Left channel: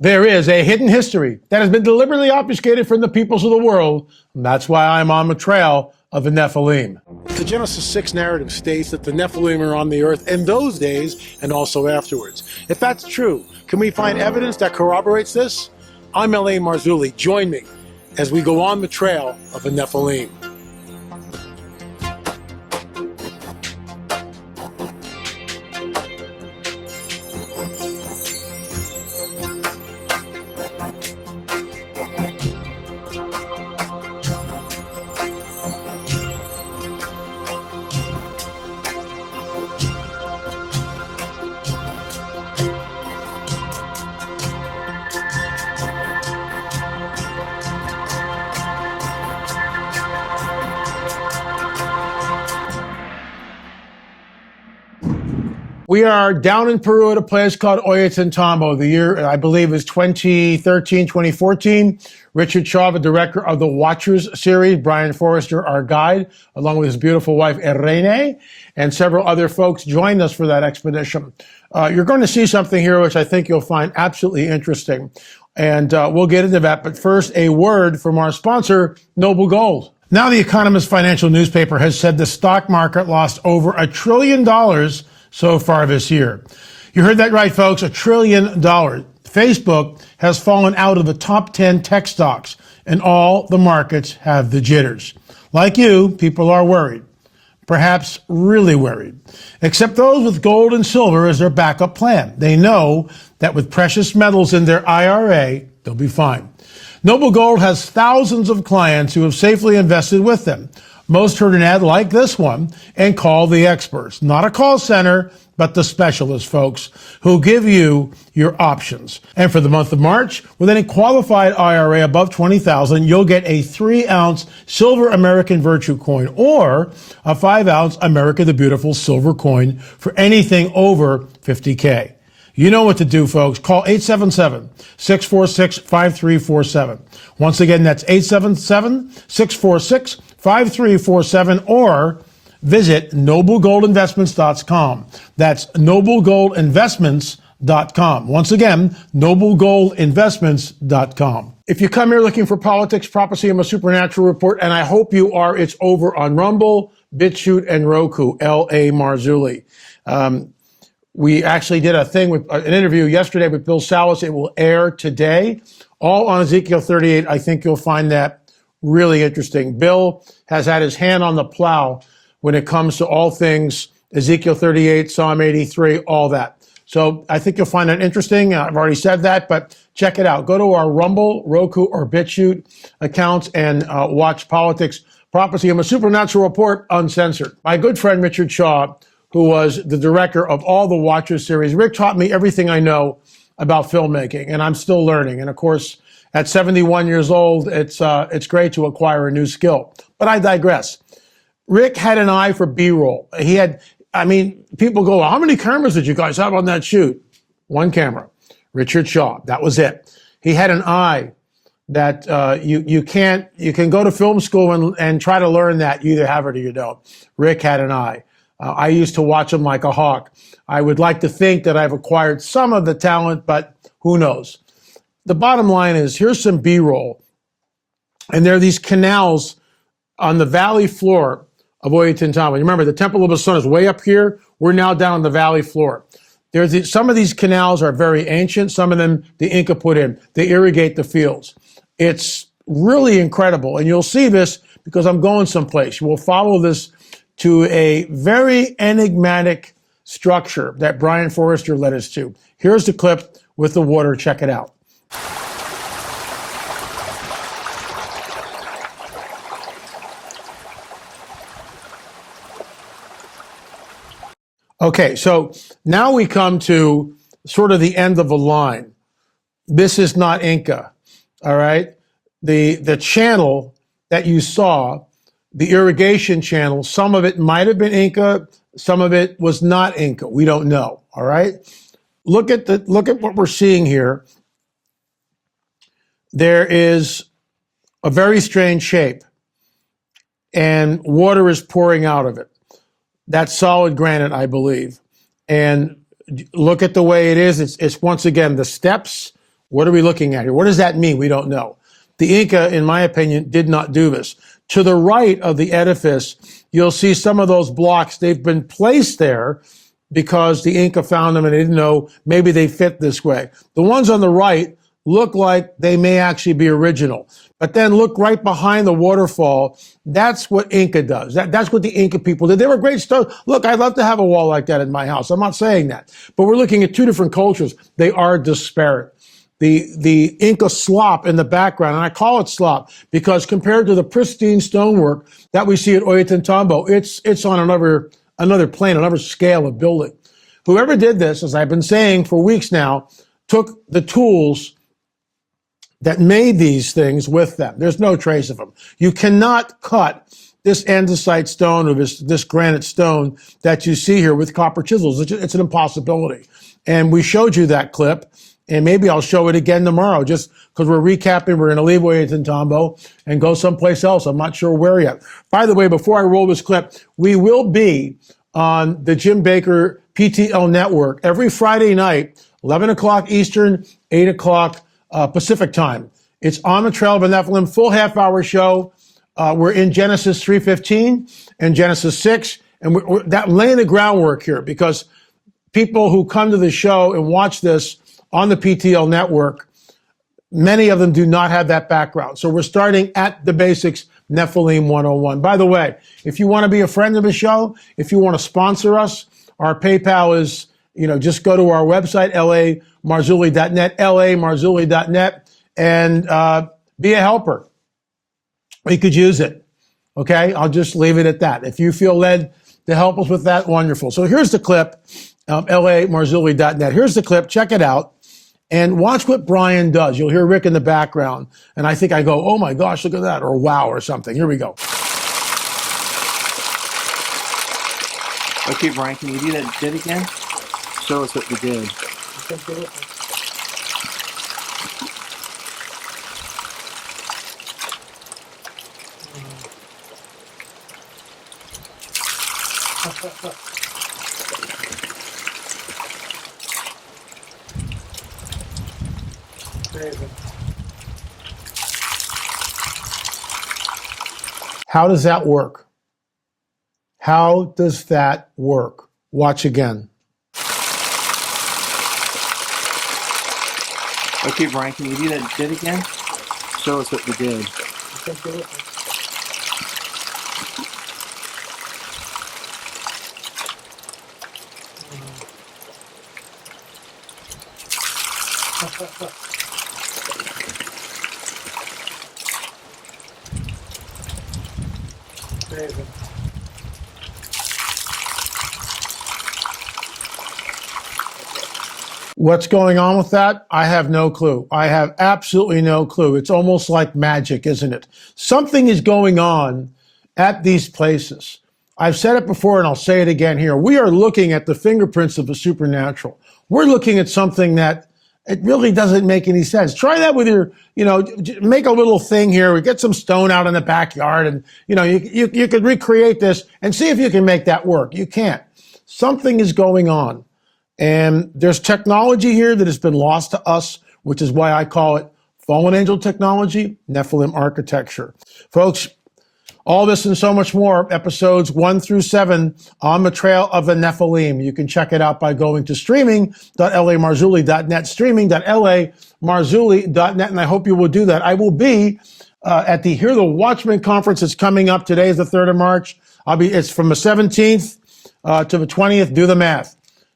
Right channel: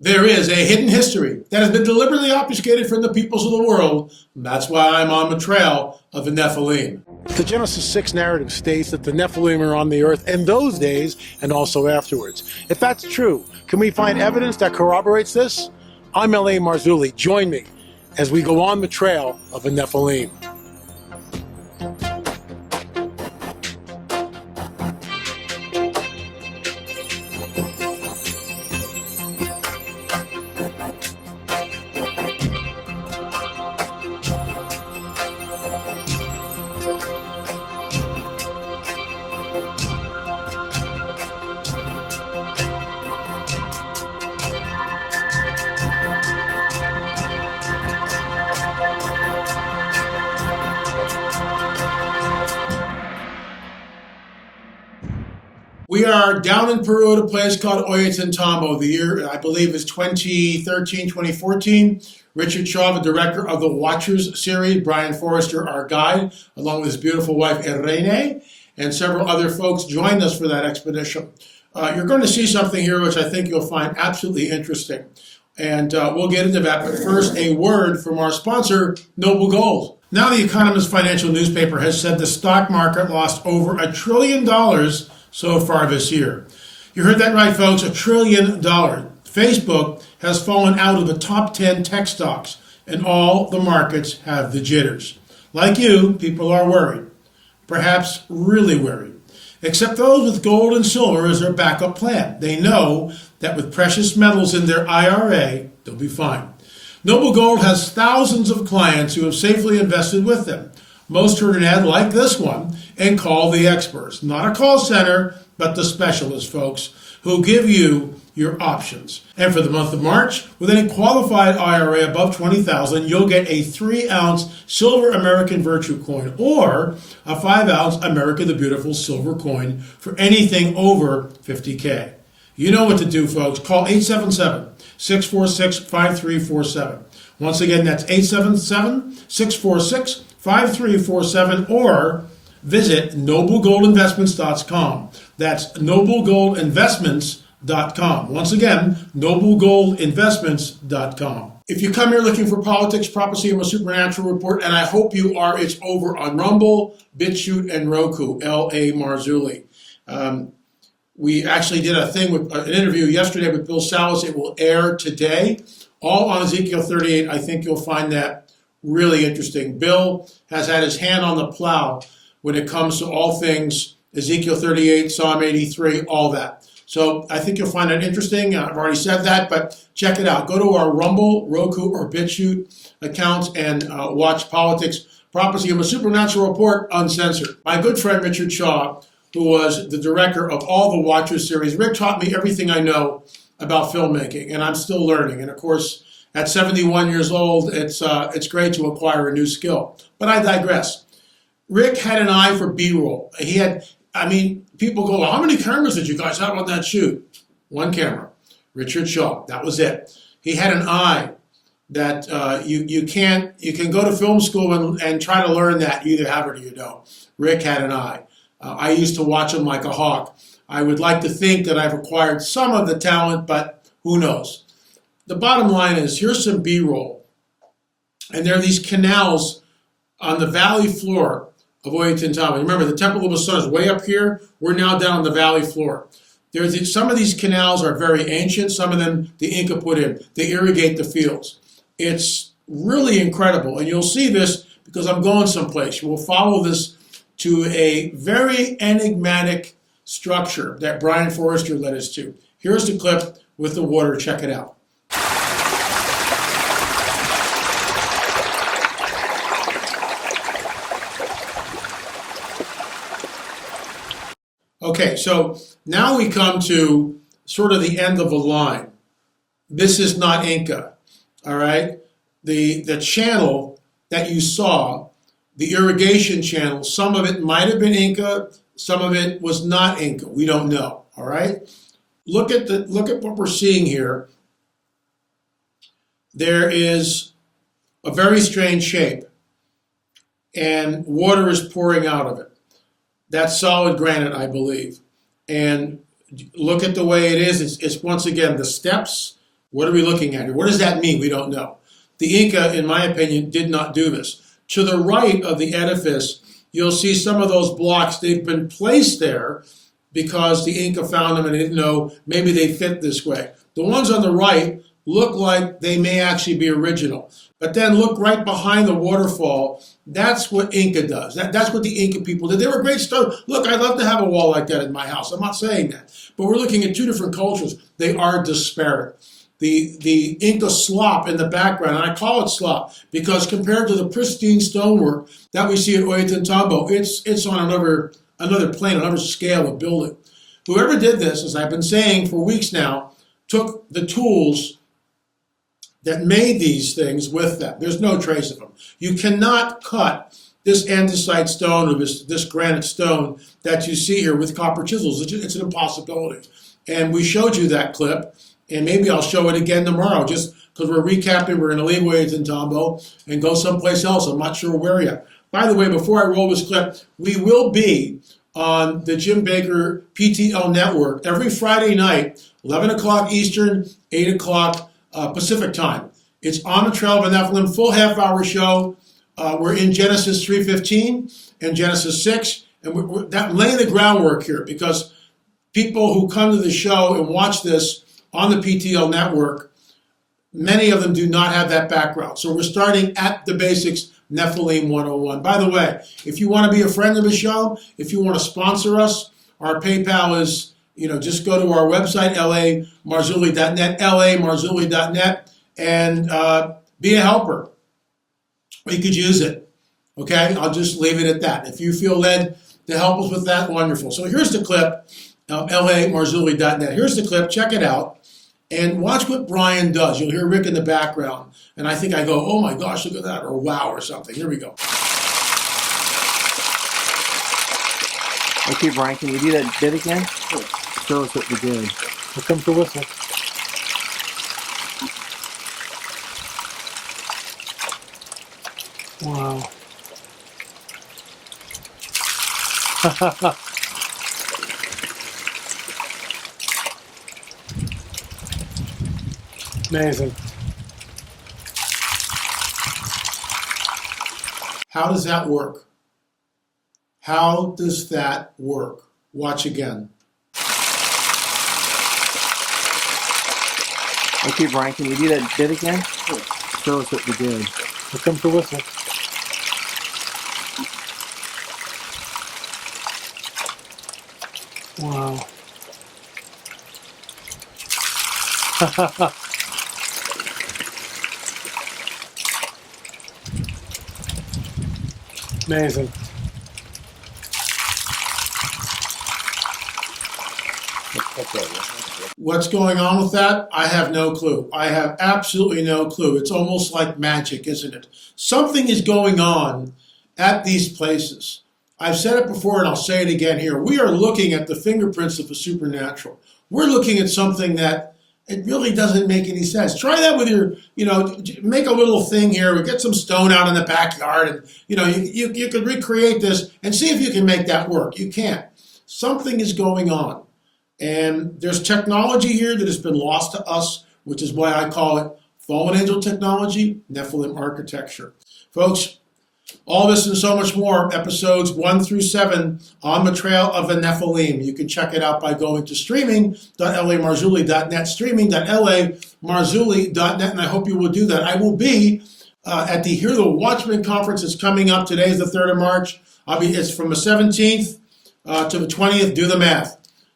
There is a hidden history that has been deliberately obfuscated from the peoples of the world, and that's why I'm on the trail of the Nephilim. The Genesis 6 narrative states that the Nephilim are on the earth in those days and also afterwards. If that's true, can we find evidence that corroborates this? I'm L.A. Marzulli. Join me as we go on the trail of the Nephilim. We are down in Peru at a place called Ollantaytambo. The year, I believe, is 2013, 2014. Richard Shaw, the director of the Watchers series, Brian Forrester, our guide, along with his beautiful wife, Irene, and several other folks joined us for that expedition. You're going to see something here which I think you'll find absolutely interesting. And we'll get into that. But first, a word from our sponsor, Noble Gold. Now, the Economist financial newspaper has said the stock market lost over $1 trillion so far this year. You heard that right, folks, $1 trillion. Facebook has fallen out of the top 10 tech stocks, and all the markets have the jitters. Like you, people are worried, perhaps really worried, except those with gold and silver as their backup plan. They know that with precious metals in their IRA, they'll be fine. Noble Gold has thousands of clients who have safely invested with them. Most heard an ad like this one and call the experts. Not a call center, but the specialists, folks, who give you your options. And for the month of March, with any qualified IRA above $20,000, you'll get a 3-ounce silver American Virtue coin or a 5-ounce America the Beautiful silver coin for anything over $50K. You know what to do, folks. Call 877-646-5347. Once again, that's 877-646-5347 or visit noblegoldinvestments.com. That's noblegoldinvestments.com. Once again, noblegoldinvestments.com. If you come here looking for politics, prophecy, and a supernatural report, and I hope you are, it's over on Rumble, Bitchute, and Roku, L.A. Marzulli. We actually did a thing with an interview yesterday with Bill Salas. It will air today, all on Ezekiel 38. I think you'll find that really interesting. Bill has had his hand on the plow when it comes to all things Ezekiel 38, Psalm 83, all that. So I think you'll find it interesting. I've already said that, but check it out. Go to our Rumble, Roku, or Bitchute accounts and watch Politics, Prophecy, and a Supernatural Report uncensored. My good friend Richard Shaw, who was the director of all the Watchers series. Rick taught me everything I know about filmmaking, and I'm still learning. And of course, at 71 years old, it's great to acquire a new skill. But I digress. Rick had an eye for B-roll. People go, how many cameras did you guys have on that shoot? One camera. Richard Shaw. That was it. He had an eye that you can go to film school and try to learn that. You either have it or you don't. Rick had an eye. I used to watch him like a hawk. I would like to think that I've acquired some of the talent, but who knows? The bottom line is, here's some B-roll. And there are these canals on the valley floor of Ollantaytambo. Remember, the Temple of the Sun is way up here. We're now down on the valley floor. Some of these canals are very ancient. Some of them the Inca put in. They irrigate the fields. It's really incredible. And you'll see this because I'm going someplace. We'll follow this to a very enigmatic structure that Brian Forrester led us to. Here's the clip with the water. Check it out. Okay, so now we come to sort of the end of the line. This is not Inca, all right? The channel that you saw, the irrigation channel, some of it might have been Inca, some of it was not Inca. We don't know, all right? Look at what we're seeing here. There is a very strange shape, and water is pouring out of it. That's solid granite, I believe. And look at the way it is. It's once again the steps What are we looking at here? What does that mean? We don't know. The Inca, in my opinion, did not do this. To the right of the edifice, you'll see some of those blocks. They've been placed there because the Inca found them and they didn't know maybe they fit this way. The ones on the right look like they may actually be original. But then look right behind the waterfall. That's what Inca does. That's what the Inca people did. They were great stuff. Look, I'd love to have a wall like that in my house. I'm not saying that. But we're looking at two different cultures. They are disparate. The Inca slop in the background, and I call it slop because compared to the pristine stonework that we see at Ollantaytambo, it's on another plane, another scale of building. Whoever did this, as I've been saying for weeks now, took the tools that made these things with them. There's no trace of them. You cannot cut this andesite stone or this granite stone that you see here with copper chisels. It's an impossibility. And we showed you that clip, and maybe I'll show it again tomorrow just because we're recapping. We're going to leave Ollantaytambo and go someplace else. I'm not sure where yet. By the way, before I roll this clip, we will be on the Jim Baker PTL network every Friday night, 11 o'clock Eastern, 8 o'clock Pacific time. It's On the Trail of the Nephilim, full half-hour show. We're in Genesis 3:15 and Genesis 6, and we're laying the groundwork here because people who come to the show and watch this on the PTL network, many of them do not have that background. So we're starting at the basics, Nephilim 101. By the way, if you want to be a friend of the show, if you want to sponsor us, our PayPal is, just go to our website, lamarzulli.net, lamarzulli.net, and be a helper. We could use it. Okay, I'll just leave it at that. If you feel led to help us with that, wonderful. So here's the clip, lamarzulli.net. Here's the clip. Check it out. And watch what Brian does. You'll hear Rick in the background. And I think I go, oh my gosh, look at that, or wow, or something. Here we go. Okay, Brian, can you do that bit again? Show us what you did. Here comes the whistle. Wow. Amazing. How does that work? How does that work? Watch again. Okay, Brian, can you do that bit again? Show us what you did. Here comes the whistle. Wow. Amazing. What's going on with that? I have no clue. I have absolutely no clue. It's almost like magic, isn't it? Something is going on at these places. I've said it before and I'll say it again here. We are looking at the fingerprints of the supernatural. We're looking at something that it really doesn't make any sense. Try that with your, make a little thing here, get some stone out in the backyard and, you could recreate this and see if you can make that work. You can't. Something is going on. And there's technology here that has been lost to us, which is why I call it fallen angel technology, Nephilim architecture. Folks, all this and so much more, episodes 1 through 7 on the Trail of the Nephilim. You can check it out by going to streaming.lamarzulli.net, streaming.lamarzulli.net, and I hope you will do that. I will be at the Hear the Watchman conference that's coming up. Today is the 3rd of March. It's from the 17th to the 20th. Do the math.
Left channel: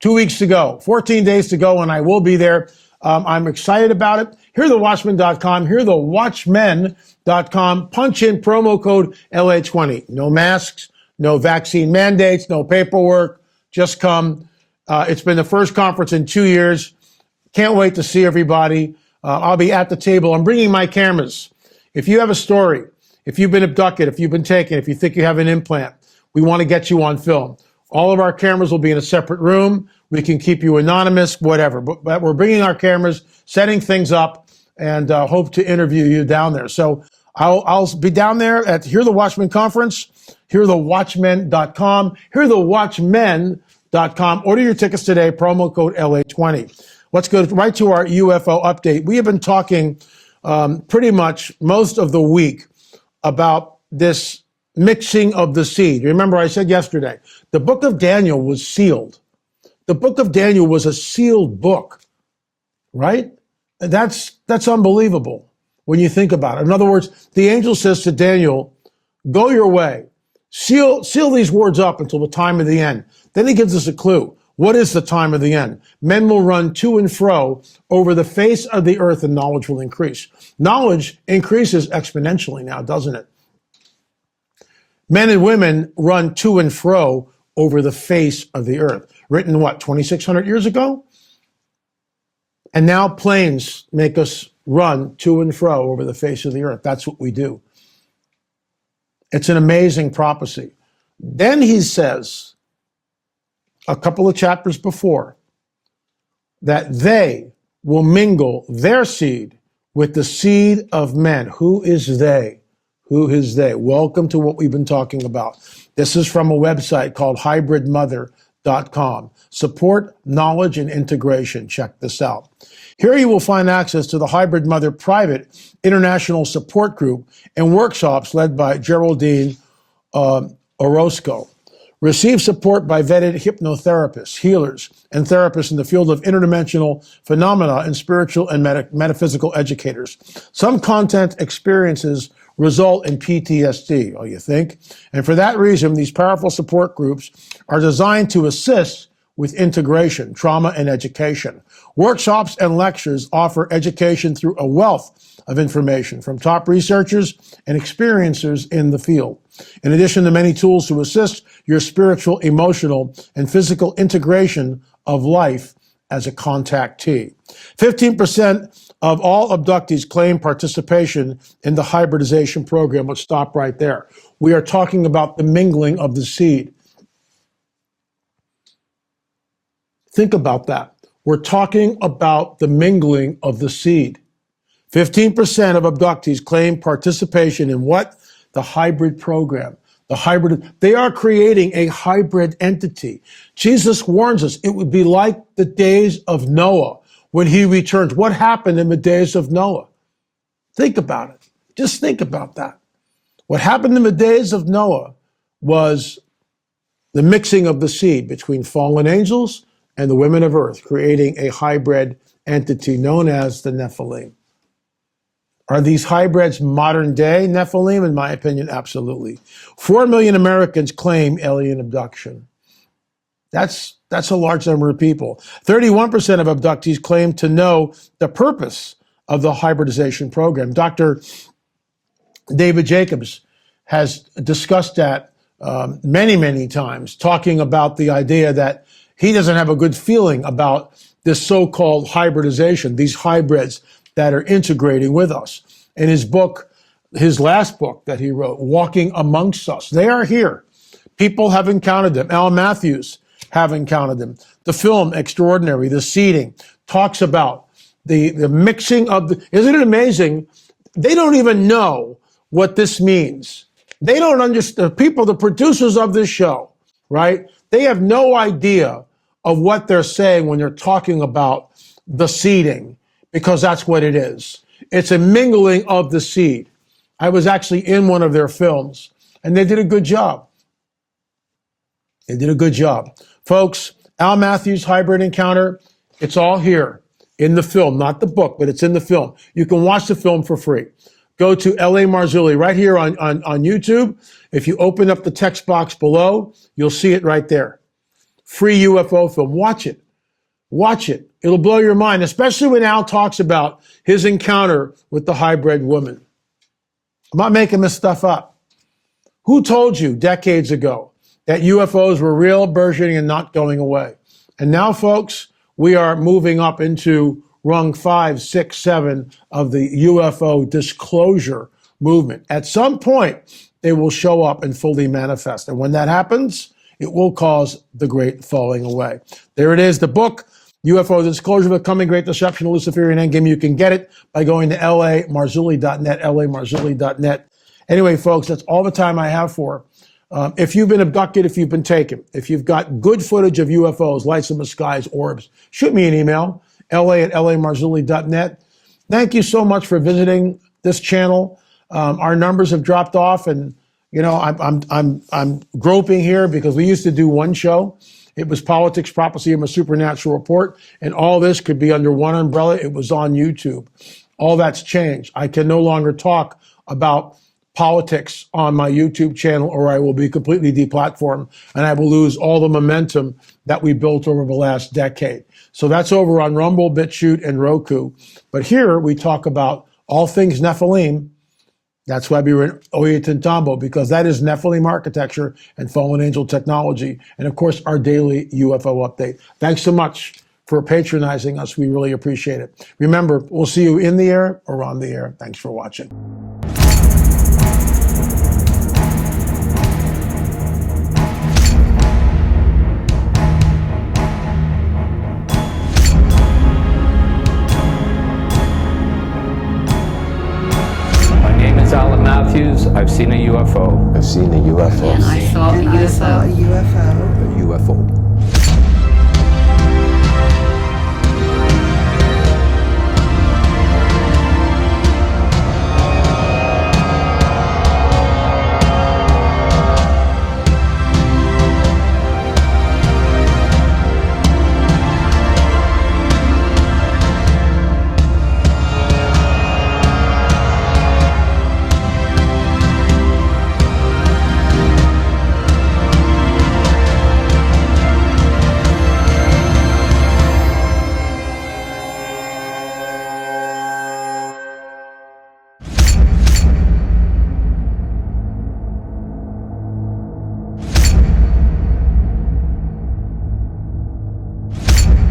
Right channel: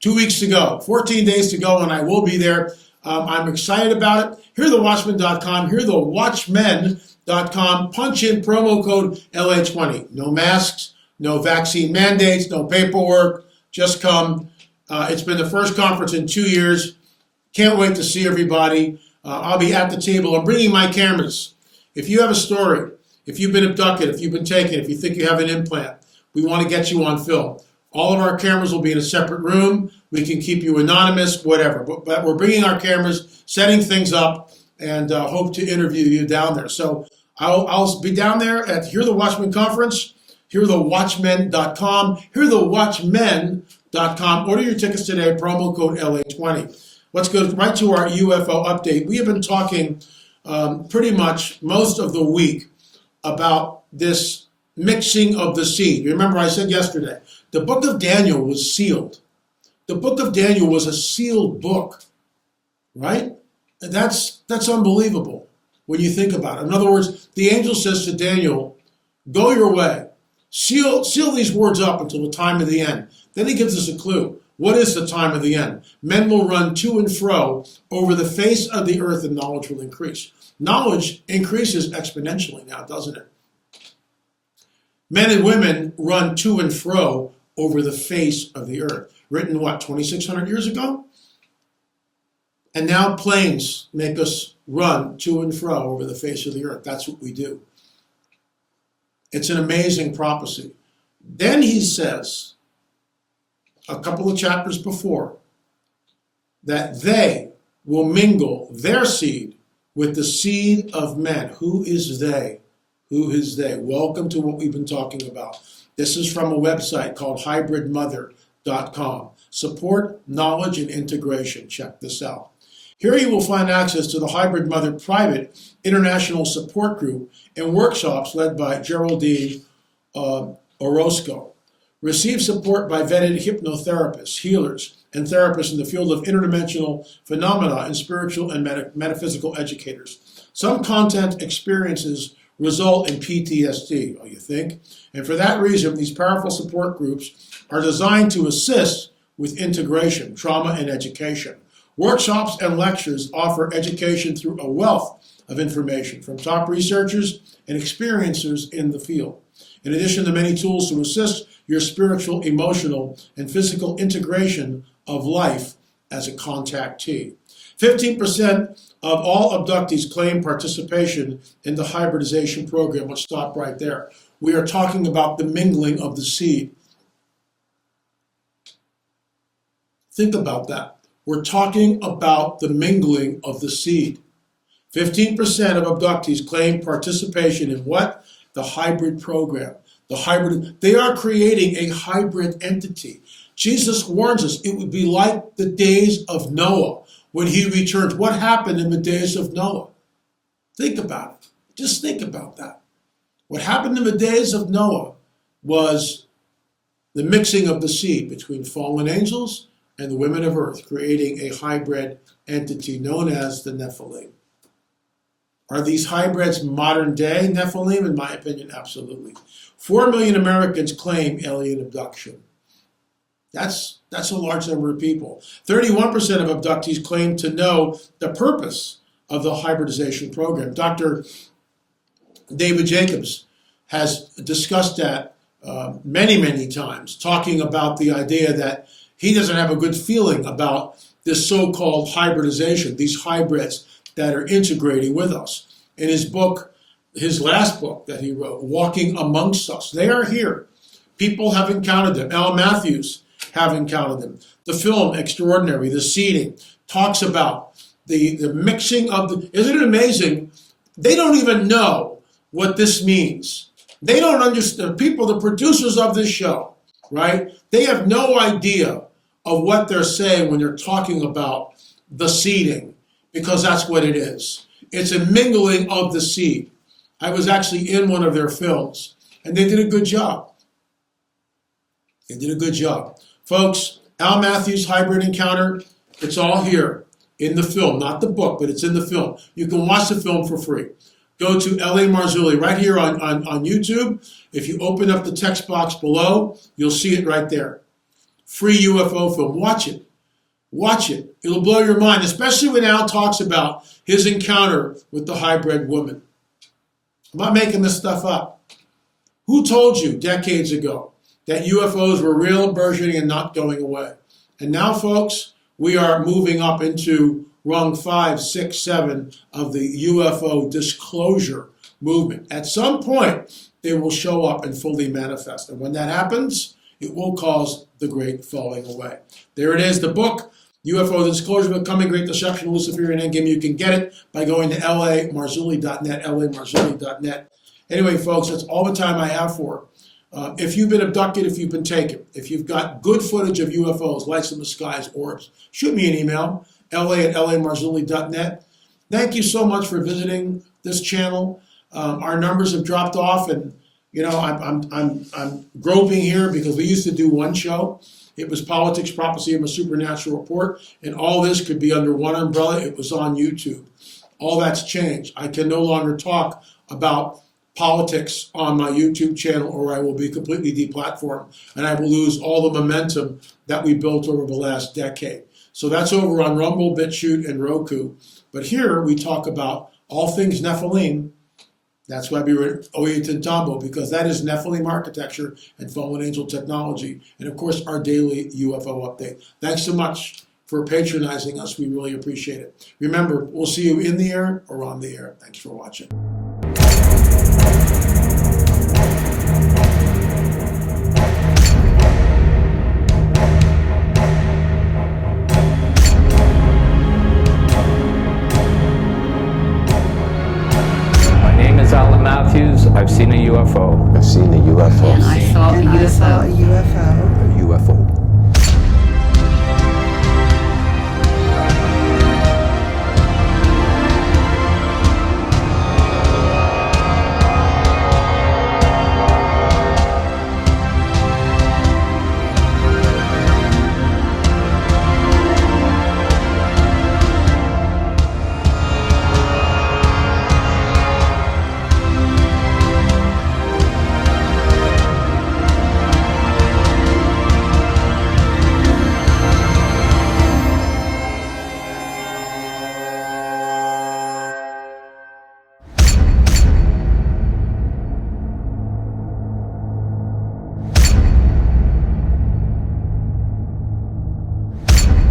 2 weeks to go, 14 days to go, and I will be there. I'm excited about it. HearTheWatchman.com, HearTheWatchmen.com. Punch in promo code LA20. No masks, no vaccine mandates, no paperwork. Just come. It's been the first conference in 2 years. Can't wait to see everybody. I'll be at the table. I'm bringing my cameras. If you have a story, if you've been abducted, if you've been taken, if you think you have an implant, we want to get you on film. All of our cameras will be in a separate room. We can keep you anonymous, whatever. But we're bringing our cameras, setting things up, and hope to interview you down there. So I'll be down there at Hear the Watchman conference, hearthewatchmen.com, hearthewatchmen.com. Order your tickets today, promo code LA20. Let's go right to our UFO update. We have been talking pretty much most of the week about this mixing of the seed. Remember, I said yesterday, the book of Daniel was sealed. The book of Daniel was a sealed book, right? That's unbelievable when you think about it. In other words, the angel says to Daniel, go your way. Seal these words up until the time of the end. Then he gives us a clue. What is the time of the end? Men will run to and fro over the face of the earth, and knowledge will increase. Knowledge increases exponentially now, doesn't it? Men and women run to and fro over the face of the earth. Written, what, 2,600 years ago? And now planes make us run to and fro over the face of the earth. That's what we do. It's an amazing prophecy. Then he says, a couple of chapters before, that they will mingle their seed with the seed of men. Who is they? Who is they? Welcome to what we've been talking about. This is from a website called hybridmother.com. Support, knowledge, and integration. Check this out. Here you will find access to the Hybrid Mother private international support group and workshops led by Geraldine Orozco. Receive support by vetted hypnotherapists, healers, and therapists in the field of interdimensional phenomena and spiritual and metaphysical educators. Some content experiences result in PTSD, oh, you think? And for that reason, these powerful support groups are designed to assist with integration, trauma, and education. Workshops and lectures offer education through a wealth of information from top researchers and experiencers in the field. In addition to many tools to assist your spiritual, emotional, and physical integration of life as a contactee. 15% of all abductees claim participation in the hybridization program. Let's stop right there. We are talking about the mingling of the seed. Think about that. We're talking about the mingling of the seed. 15% of abductees claim participation in what? The hybrid program. They are creating a hybrid entity. Jesus warns us it would be like the days of Noah when he returns. What happened in the days of Noah? Think about it. Just think about that. What happened in the days of Noah was the mixing of the seed between fallen angels and the women of earth, creating a hybrid entity known as the Nephilim. Are these hybrids modern day Nephilim? In my opinion, absolutely. 4 million Americans claim alien abduction. That's a large number of people. 31% of abductees claim to know the purpose of the hybridization program. Dr. David Jacobs has discussed that many, many times, talking about the idea that he doesn't have a good feeling about this so-called hybridization, these hybrids that are integrating with us. In his book, his last book that he wrote, Walking Amongst Us, they are here. People have encountered them. Al Matthews have encountered them. The film, Extraordinary, the seeding, talks about the mixing of the, isn't it amazing? They don't even know what this means. They don't understand, people, the producers of this show, right? They have no idea of what they're saying when they're talking about the seeding, because that's what it is. It's a mingling of the seed. I was actually in one of their films, and they did a good job. They did a good job. Folks, Al Matthews' Hybrid Encounter, it's all here in the film, not the book, but it's in the film. You can watch the film for free. Go to L.A. Marzulli right here on YouTube. If you open up the text box below, you'll see it right there. Free UFO film. Watch it. Watch it. It'll blow your mind, especially when Al talks about his encounter with the hybrid woman. I'm not making this stuff up. Who told you decades ago that UFOs were real, burgeoning, and not going away? And now, folks, we are moving up into rung 5, 6, 7 of the UFO disclosure movement. At some point, they will show up and fully manifest. And when that happens, it will cause the great falling away. There it is, the book, UFO Disclosure, Becoming Great Deception, Luciferian Endgame. You can get it by going to lamarzulli.net, lamarzulli.net. Anyway, folks, that's all the time I have for. If you've been abducted, if you've been taken, if you've got good footage of UFOs, lights in the skies, orbs, shoot me an email, la@lamarzulli.net. Thank you so much for visiting this channel. Our numbers have dropped off, and I'm groping here because we used to do one show. It was Politics, Prophecy, and a Supernatural Report, and all this could be under one umbrella. It was on YouTube. All that's changed. I can no longer talk about politics on my YouTube channel, or I will be completely deplatformed, and I will lose all the momentum that we built over the last decade. So that's over on Rumble, Bitchute, and Roku. But here we talk about all things Nephilim. That's why we were Oya Tintambo, because that is Nephilim architecture and fallen angel technology. And of course, our daily UFO update. Thanks so much for patronizing us. We really appreciate it. Remember, we'll see you in the air or on the air. Thanks for watching. Alan Matthews, I've seen a UFO. I've seen a UFO. And I saw a And I saw a UFO. UFO. A UFO.